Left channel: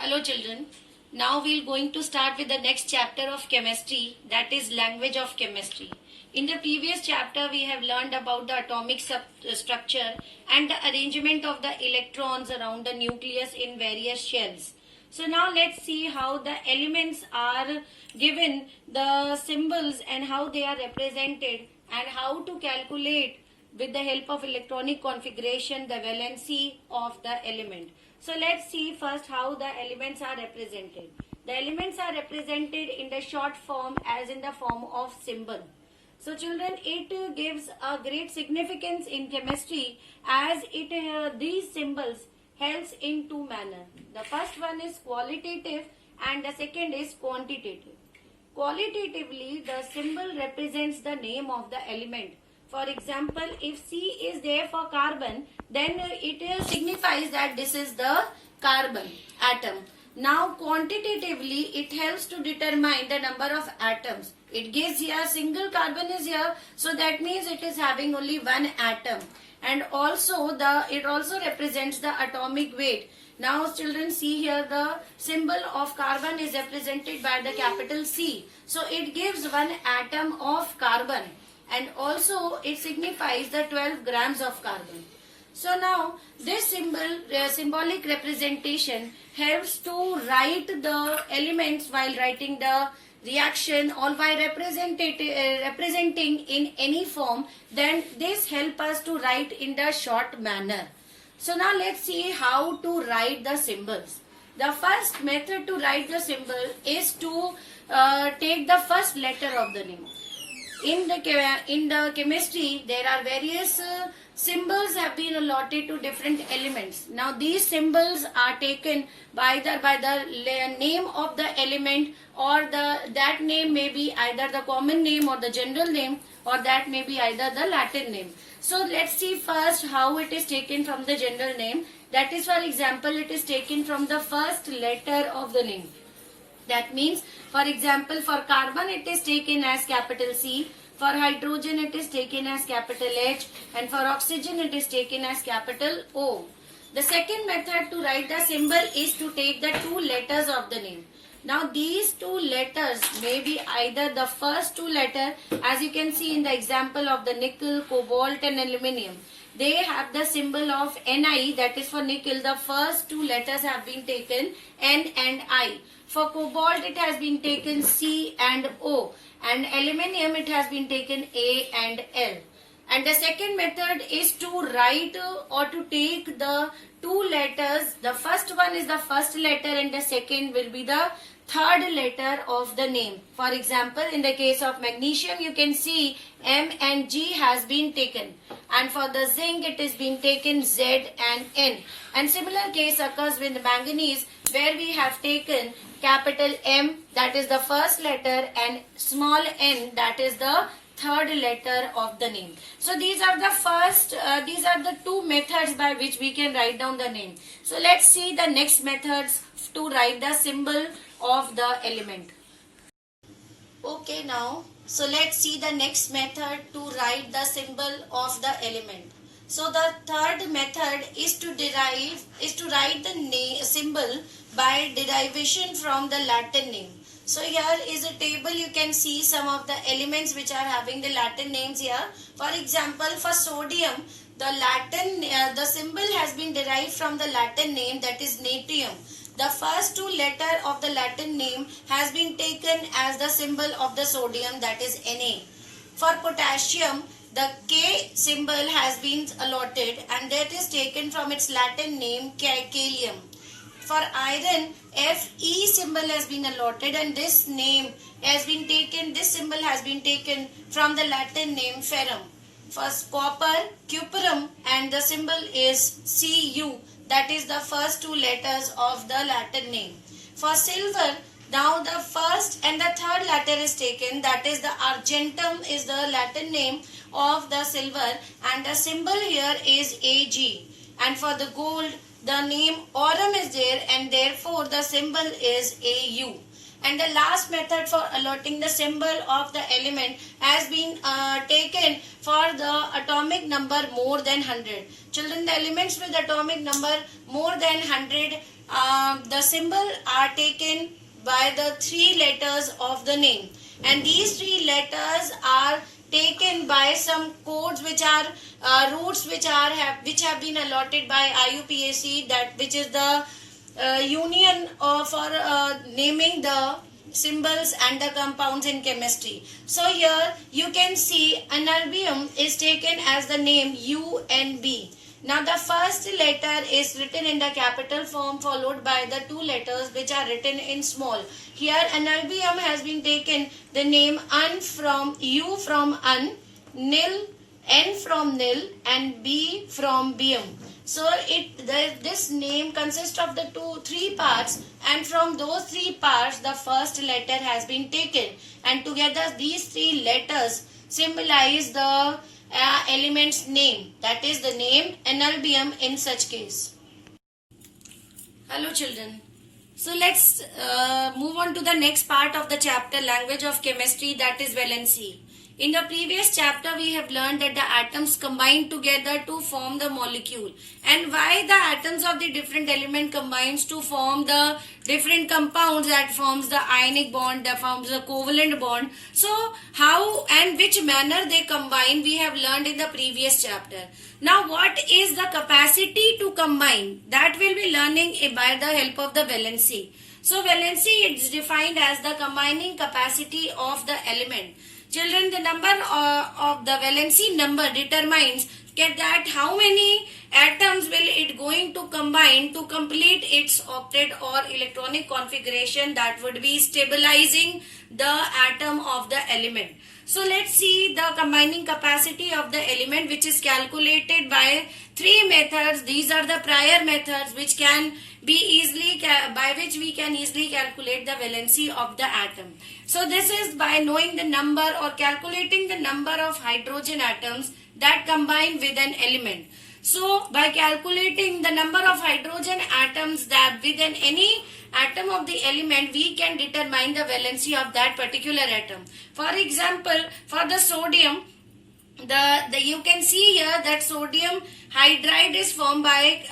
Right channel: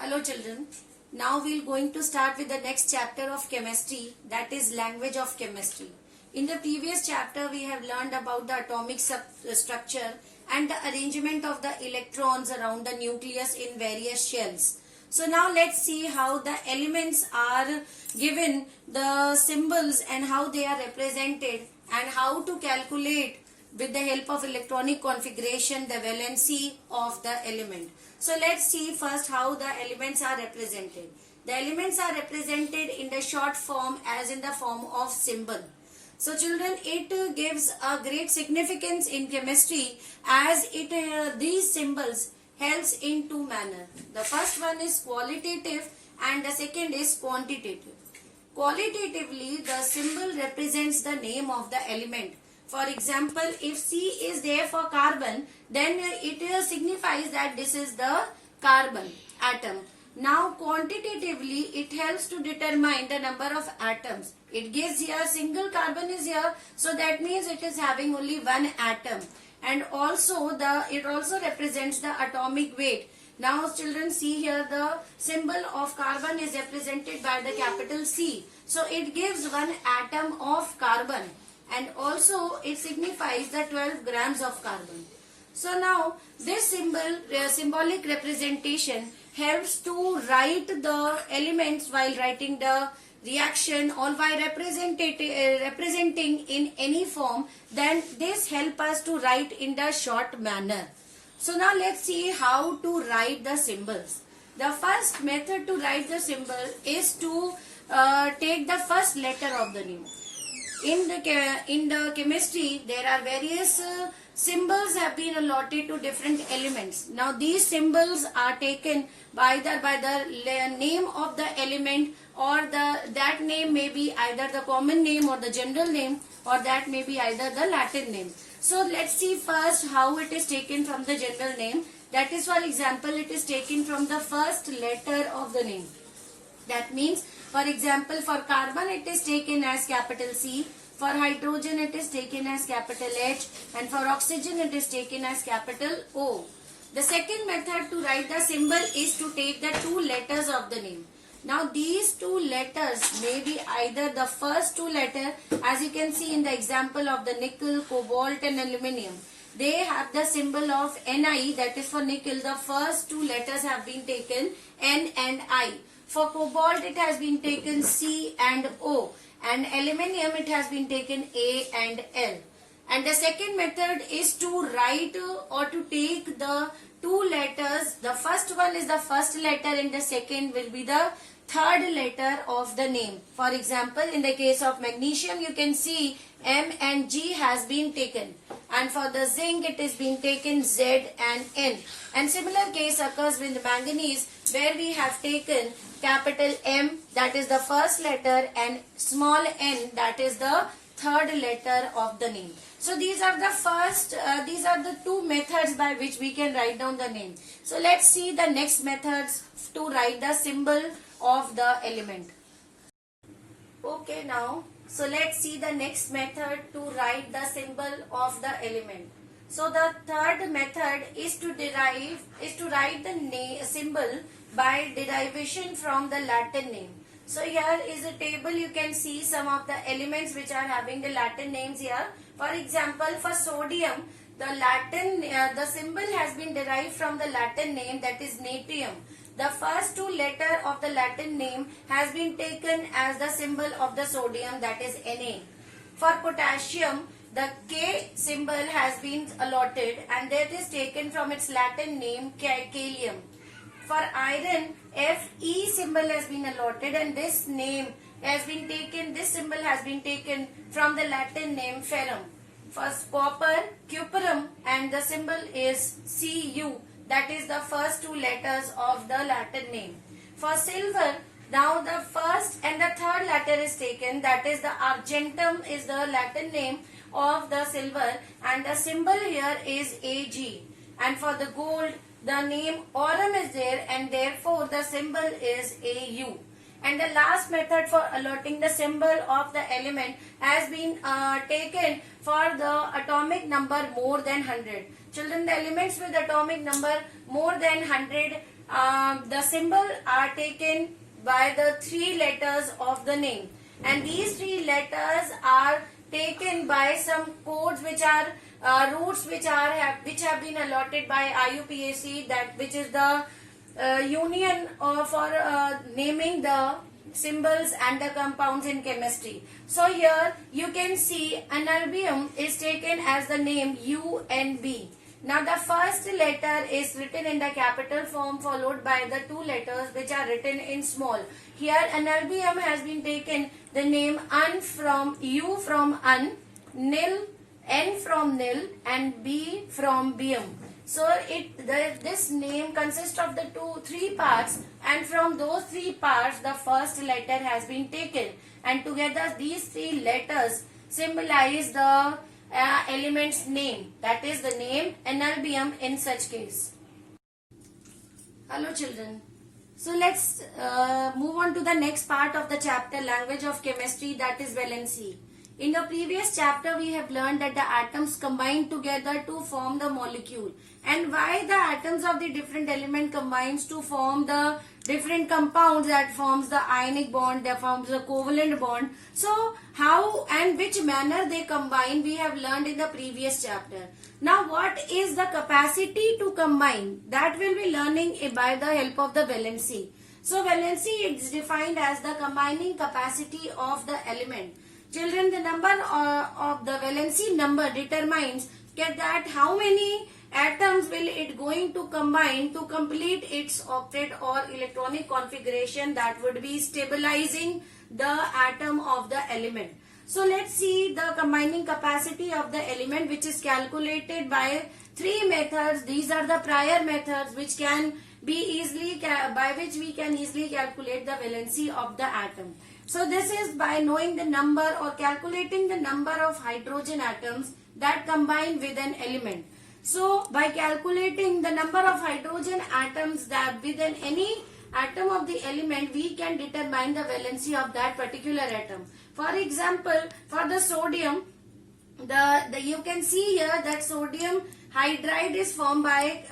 Hello children. Now we are going to start with the next chapter of chemistry, that is language of chemistry. In the previous chapter we have learned about the atomic structure and the arrangement of the electrons around the nucleus in various shells. So now let's see how the elements are given, the symbols and how they are represented, and how to calculate with the help of electronic configuration the valency of the element. So let's see first how the elements are represented. The elements are represented in the short form as in the form of symbol. So children, it gives a great significance in chemistry as these symbols helps in two manner. The first one is qualitative and the second is quantitative. Qualitatively, the symbol represents the name of the element. For example, if C is there for carbon, then it signifies that this is the carbon atom. Now quantitatively, it helps to determine the number of atoms. It gives here single carbon is here, so that means it is having only one atom. And also it also represents the atomic weight. Now children, see here the symbol of carbon is represented by the capital C. So it gives one atom of carbon, and also it signifies the 12 grams of carbon. So now this symbolic representation helps to write the elements while writing the reaction or by representing in any form. Then this help us to write in the short manner. So now let's see how to write the symbols. The first method to write the symbol is to take the first letter of the name. In the chemistry, there are various symbols have been allotted to different elements. Now these symbols are taken either by the name of the element, or that name may be either the common name or the general name, or that may be either the Latin name. So let's see first how it is taken from the general name. That is, for example, it is taken from the first letter of the name. That means, for example, for carbon it is taken as capital C, for hydrogen it is taken as capital H, and for oxygen it is taken as capital O. The second method to write the symbol is to take the two letters of the name. Now these two letters may be either the first two letters, as you can see in the example of the nickel, cobalt and aluminium. They have the symbol of Ni, that is for nickel. The first two letters have been taken, N and I. For cobalt it has been taken C and O, and aluminium it has been taken A and L. And the second method is to write or to take the two letters. The first one is the first letter and the second will be the third letter of the name. For example, in the case of magnesium, you can see M and G has been taken, and for the zinc it is being taken Z and N. And similar case occurs with manganese, where we have taken capital M, that is the first letter, and small n, that is the third letter of the name. So these are the two methods by which we can write down the name. So let's see the next methods to write the symbol of the element. Okay, now so let's see the next method to write the symbol of the element. So the third method is to write the symbol by derivation from the Latin name. So here is a table. You can see some of the elements which are having the Latin names here. For example, for sodium, the symbol has been derived from the Latin name, that is natrium. The first two letters of the Latin name has been taken as the symbol of the sodium, that is Na. For potassium, the K symbol has been allotted, and that is taken from its Latin name Kalium. For iron, Fe symbol has been allotted, and this symbol has been taken from the Latin name ferrum. For copper, cuprum, and the symbol is Cu, that is the first two letters of the Latin name. For silver, now the first and the third letter is taken, that is the argentum is the Latin name of the silver, and the symbol here is Ag. And for the gold, the name aurum is there, and therefore the symbol is Au. And the last method for allotting the symbol of the element has been taken for the atomic number more than 100. Children, the elements with atomic number more than 100 the symbol are taken by the three letters of the name, and these three letters are taken by some codes which are routes which have been allotted by IUPAC, that which is the union for naming the symbols and the compounds in chemistry. So here you can see anerbium is taken as the name UNB. Now the first letter is written in the capital form, followed by the two letters which are written in small. Here anerbium has been taken the name Un from U from Un, Nil, N from Nil, and B from Bium. So this name consists of the three parts, and from those three parts the first letter has been taken, and together these three letters symbolize the element's name, that is the name anerbium in such case. Hello children. So let's move on to the next part of the chapter, language of chemistry, that is valency. In the previous chapter, we have learned that the atoms combine together to form the molecule, and why the atoms of the different element combines to form the different compounds, that forms the ionic bond, that forms the covalent bond. So how and which manner they combine, we have learned in the previous chapter. Now what is the capacity to combine, that will be learning by the help of the valency. So valency is defined as the combining capacity of the element. Children, the number of the valency number determines that how many atoms will it going to combine to complete its octet or electronic configuration, that would be stabilizing the atom of the element. So let's see the combining capacity of the element, which is calculated by three methods. These are the prior methods which can be easily by which we can easily calculate the valency of the atom. So this is by knowing the number or calculating the number of hydrogen atoms that combine with an element. So by calculating the number of hydrogen atoms that within any atom of the element, we can determine the valency of that particular atom. For example, for the sodium, you can see here that sodium hydride is formed by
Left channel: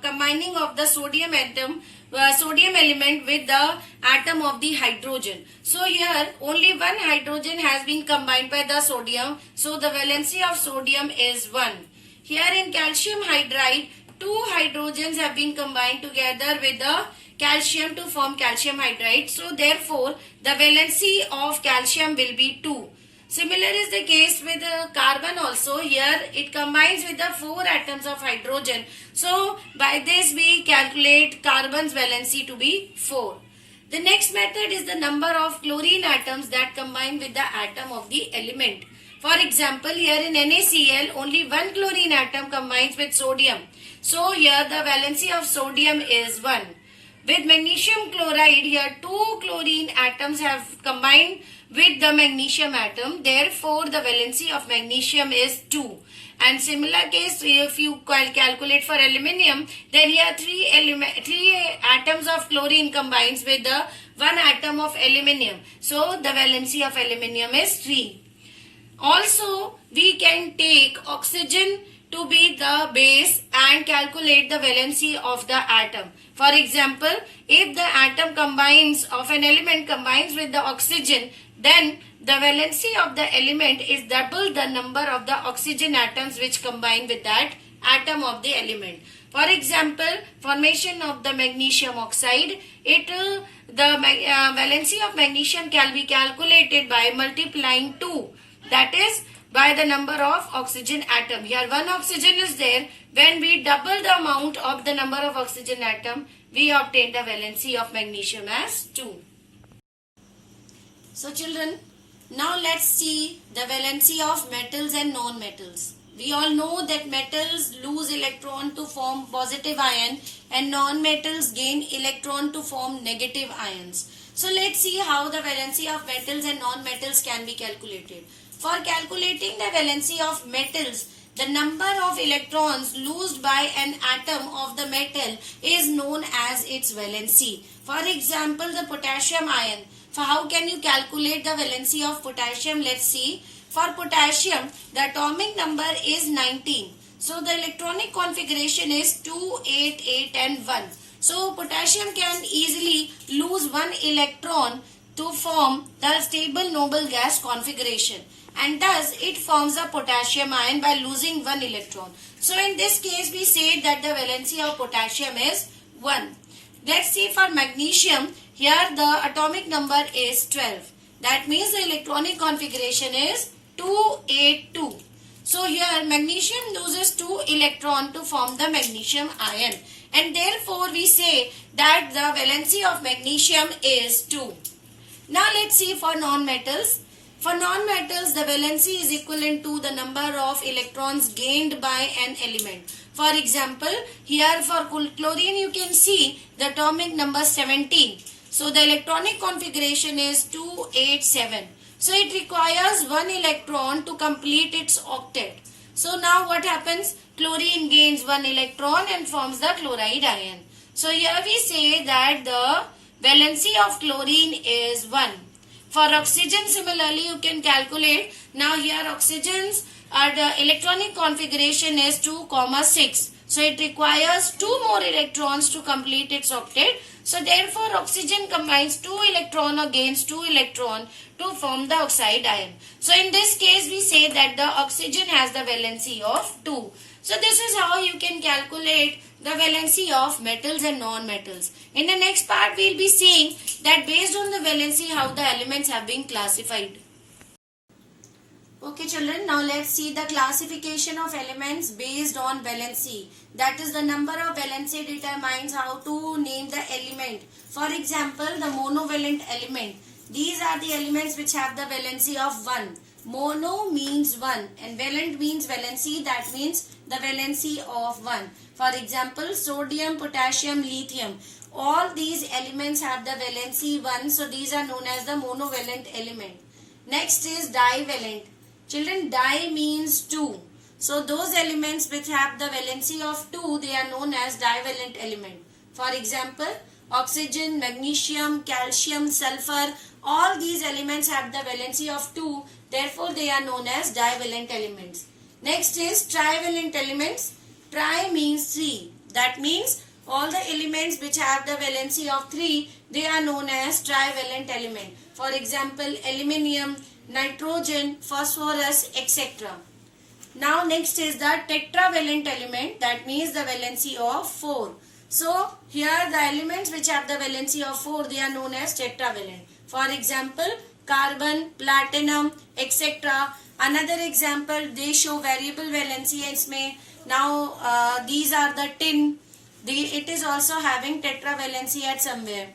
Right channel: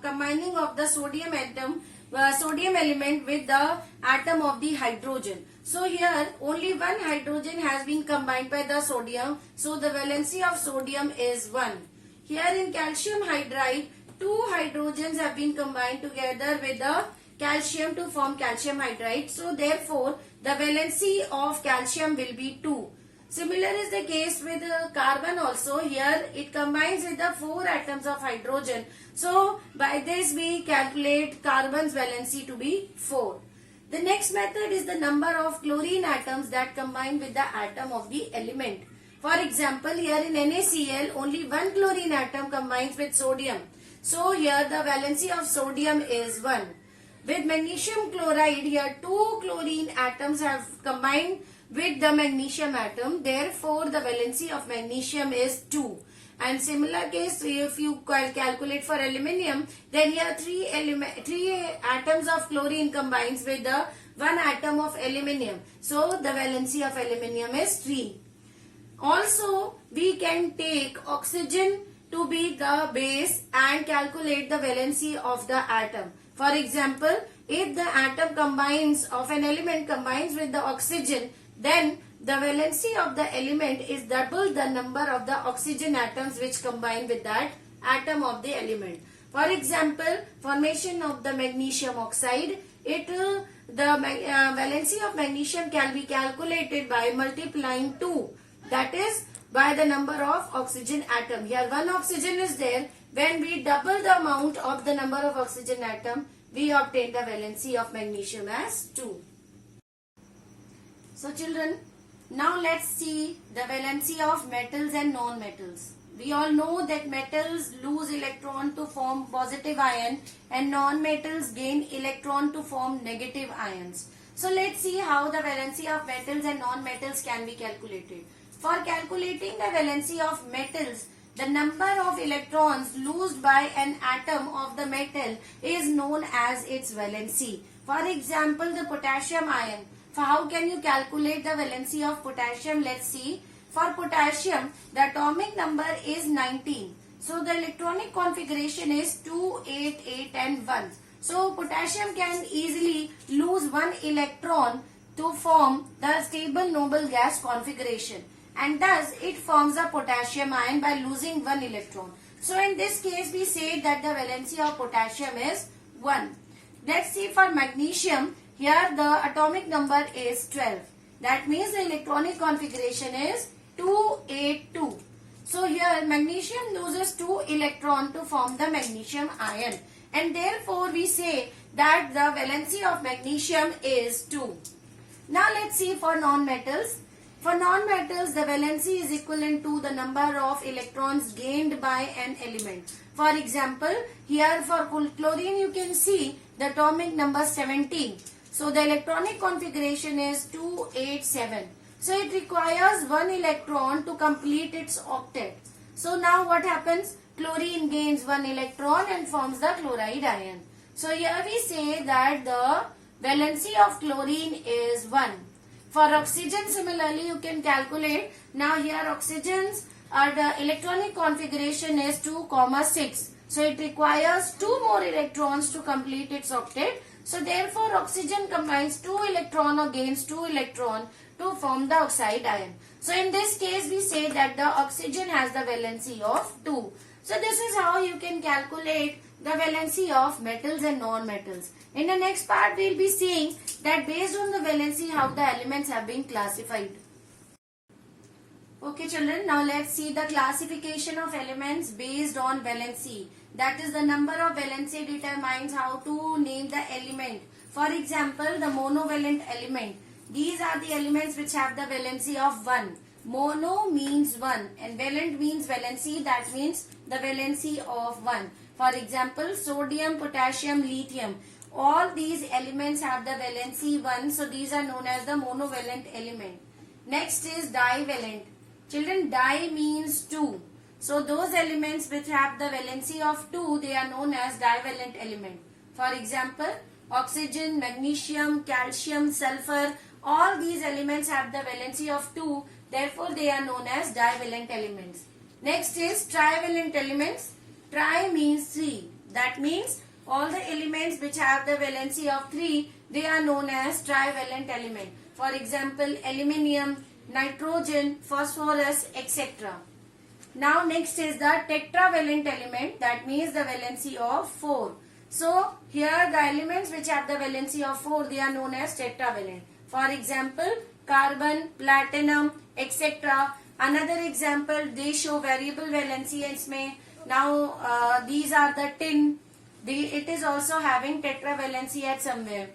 combining of the sodium element with the atom of the hydrogen. So here only one hydrogen has been combined by the sodium, so the valency of sodium is 1. Here in calcium hydride, two hydrogens have been combined together with the calcium to form calcium hydride, so therefore the valency of calcium will be 2. Similar is the case with carbon also. Here it combines with the 4 atoms of hydrogen. So by this we calculate carbon's valency to be 4. The next method is the number of chlorine atoms that combine with the atom of the element. For example, here in NaCl only one chlorine atom combines with sodium. So here the valency of sodium is 1. With magnesium chloride, here 2 chlorine atoms have combined with the magnesium atom. Therefore, the valency of magnesium is 2. And similar case, if you calculate for aluminium, then here 3 atoms of chlorine combines with the 1 atom of aluminium. So, the valency of aluminium is 3. Also, we can take oxygen to be the base and calculate the valency of the atom. For example, if the atom of an element combines with the oxygen, then the valency of the element is double the number of the oxygen atoms which combine with that atom of the element. For example, formation of the magnesium oxide, the valency of magnesium can be calculated by multiplying 2. That is by the number of oxygen atom. Here one oxygen is there. When we double the amount of the number of oxygen atom, we obtain the valency of magnesium as 2. So children, now let's see the valency of metals and non-metals. We all know that metals lose electron to form positive ion and non-metals gain electron to form negative ions. So let's see how the valency of metals and non-metals can be calculated. For calculating the valency of metals, the number of electrons loosed by an atom of the metal is known as its valency. For example, the potassium ion. So how can you calculate the valency of potassium? Let's see. For potassium, the atomic number is 19. So the electronic configuration is 2, 8, 8 and 1. So potassium can easily lose one electron to form the stable noble gas configuration, and thus it forms a potassium ion by losing one electron. So in this case we say that the valency of potassium is 1. Let's see for magnesium. Here the atomic number is 12. That means the electronic configuration is 282. So here magnesium loses 2 electron to form the magnesium ion, and therefore we say that the valency of magnesium is 2. Now let's see for non-metals. For non-metals, the valency is equivalent to the number of electrons gained by an element. For example, here for chlorine you can see the atomic number 17. So the electronic configuration is 287. So it requires one electron to complete its octet. So now what happens? Chlorine gains one electron and forms the chloride ion. So here we say that the valency of chlorine is 1. For oxygen, similarly, you can calculate. Now here oxygen's the electronic configuration is 2, 6. So it requires 2 more electrons to complete its octet. So therefore oxygen combines 2 electron or gains 2 electron to form the oxide ion. So in this case we say that the oxygen has the valency of 2. So this is how you can calculate the valency of metals and non-metals. In the next part we will be seeing that based on the valency how the elements have been classified. Okay children, now let's see the classification of elements based on valency. That is, the number of valency determines how to name the element. For example, the monovalent element. These are the elements which have the valency of 1. Mono means 1 and valent means valency, that means the valency of 1. For example, sodium, potassium, lithium. All these elements have the valency 1, so these are known as the monovalent element. Next is divalent. Children, di means 2. So those elements which have the valency of 2, they are known as divalent element. For example, oxygen, magnesium, calcium, sulfur, all these elements have the valency of 2. Therefore, they are known as divalent elements. Next is trivalent elements. Tri means 3. That means all the elements which have the valency of 3, they are known as trivalent element. For example, aluminium, nitrogen, phosphorus, etc. Now next is the tetravalent element, that means the valency of 4. So here the elements which have the valency of 4, they are known as tetravalent. For example, carbon, platinum, etc. Another example, they show variable valency in SME. Now these are the tin. It is also having tetravalency at somewhere.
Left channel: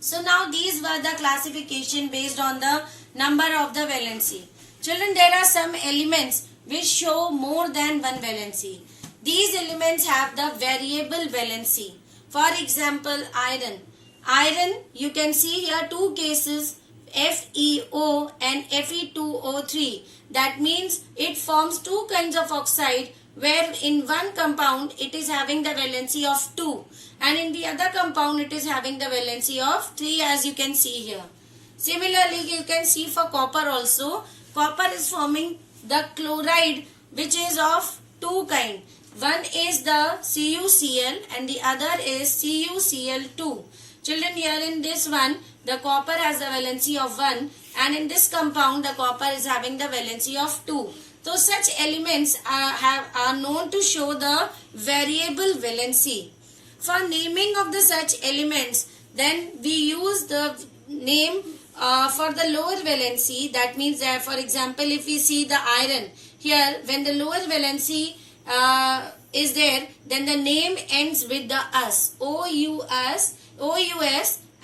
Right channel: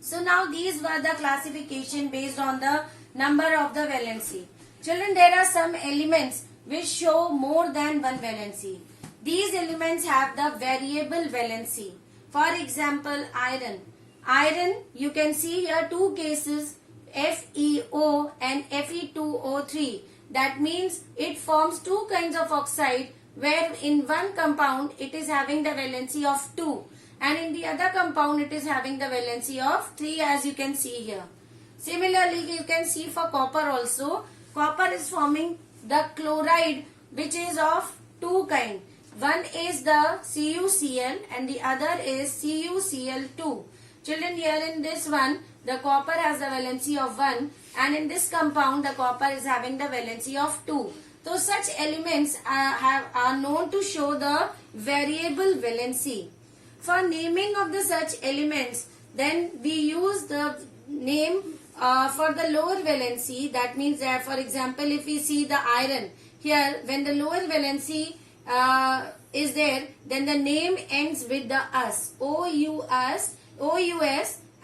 So now these were the classification based on the number of the valency. Children, there are some elements which show more than one valency. These elements have the variable valency. For example, iron. Iron, you can see here two cases, FeO and Fe2O3. That means it forms two kinds of oxide, where in one compound it is having the valency of 2 and in the other compound it is having the valency of 3, as you can see here. Similarly, you can see for copper also. Copper is forming the chloride which is of two kind. One is the CuCl and the other is CuCl2. Children, here in this one, the copper has the valency of 1 and in this compound the copper is having the valency of 2. So such elements are known to show the variable valency. For naming of the such elements, then we use the name for the lower valency. That means that, for example, if we see the iron, here when the lower valency is there, then the name ends with the us, OUS,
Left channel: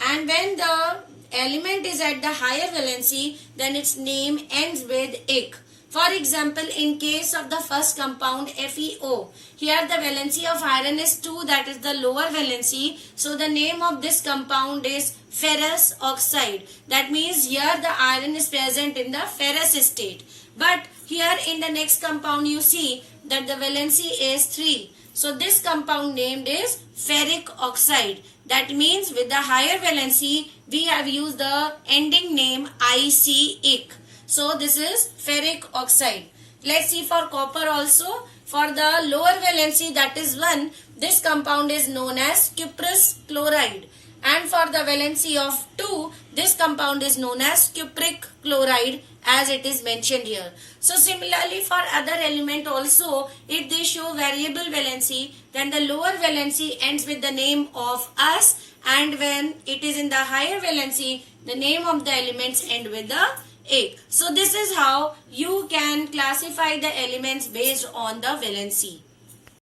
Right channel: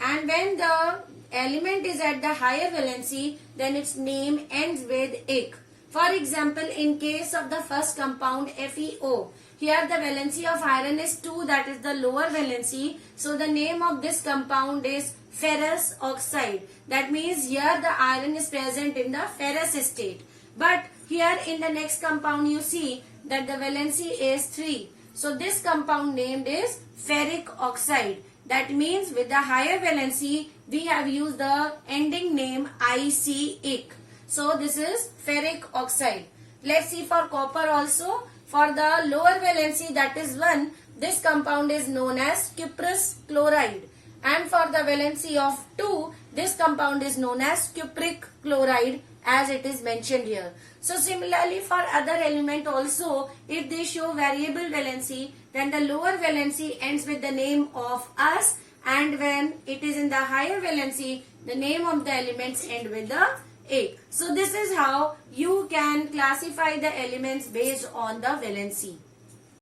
and when the element is at the higher valency, then its name ends with ik. For example, in case of the first compound FeO, here the valency of iron is 2, that is the lower valency. So the name of this compound is ferrous oxide. That means here the iron is present in the ferrous state. But here in the next compound you see that the valency is 3. So this compound named is ferric oxide. That means with the higher valency we have used the ending name IC. So this is ferric oxide. Let's see for copper also. For the lower valency, that is 1, this compound is known as cuprous chloride. And for the valency of 2, this compound is known as cupric chloride, as it is mentioned here. So similarly for other element also, if they show variable valency, then the lower valency ends with the name of us, and when it is in the higher valency, the name of the elements end with the A. So this is how you can classify the elements based on the valency.